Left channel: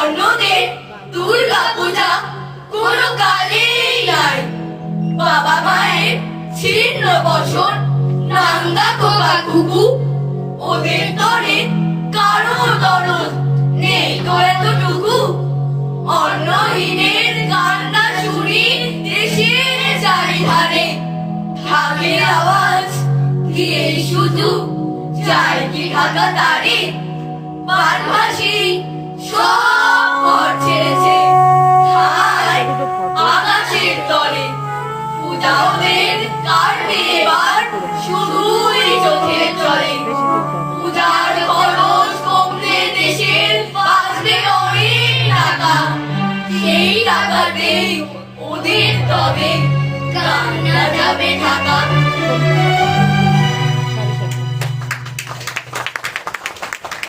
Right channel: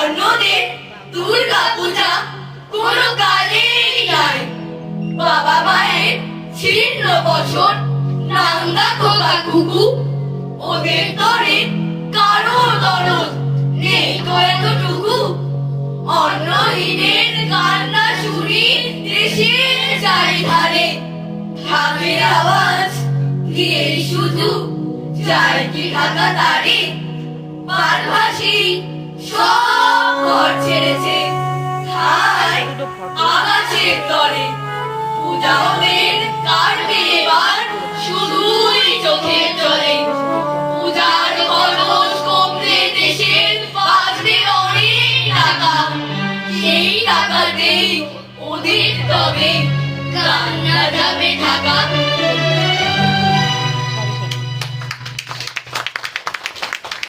অন্যদের দুর্গা পূজা কোনো কালেই নাই। বাবা মায়ের ছিন্ন বসন নাঙ্গা খোকা কুকু, ওদের তরে কারো দরদ নেই তো এতটুকু। অন্নহীনের কান্না শুনি দেশের চারিধারে, থাকে আওয়াজ দিয়েই শুধু যায় কি ঢাকা তারে। বানভাসী সব ঘর ছেড়েছে, ঠায় আকাশের তলে। পূজা ওদের কাটবে এবার শুধুই চোখের জলে। পূজার খরচ কমবে দেশের, বাঁচবে অনেক টাকা। সেই টাকাতেই ওদের তবে কান্না যাবে ঢাকা।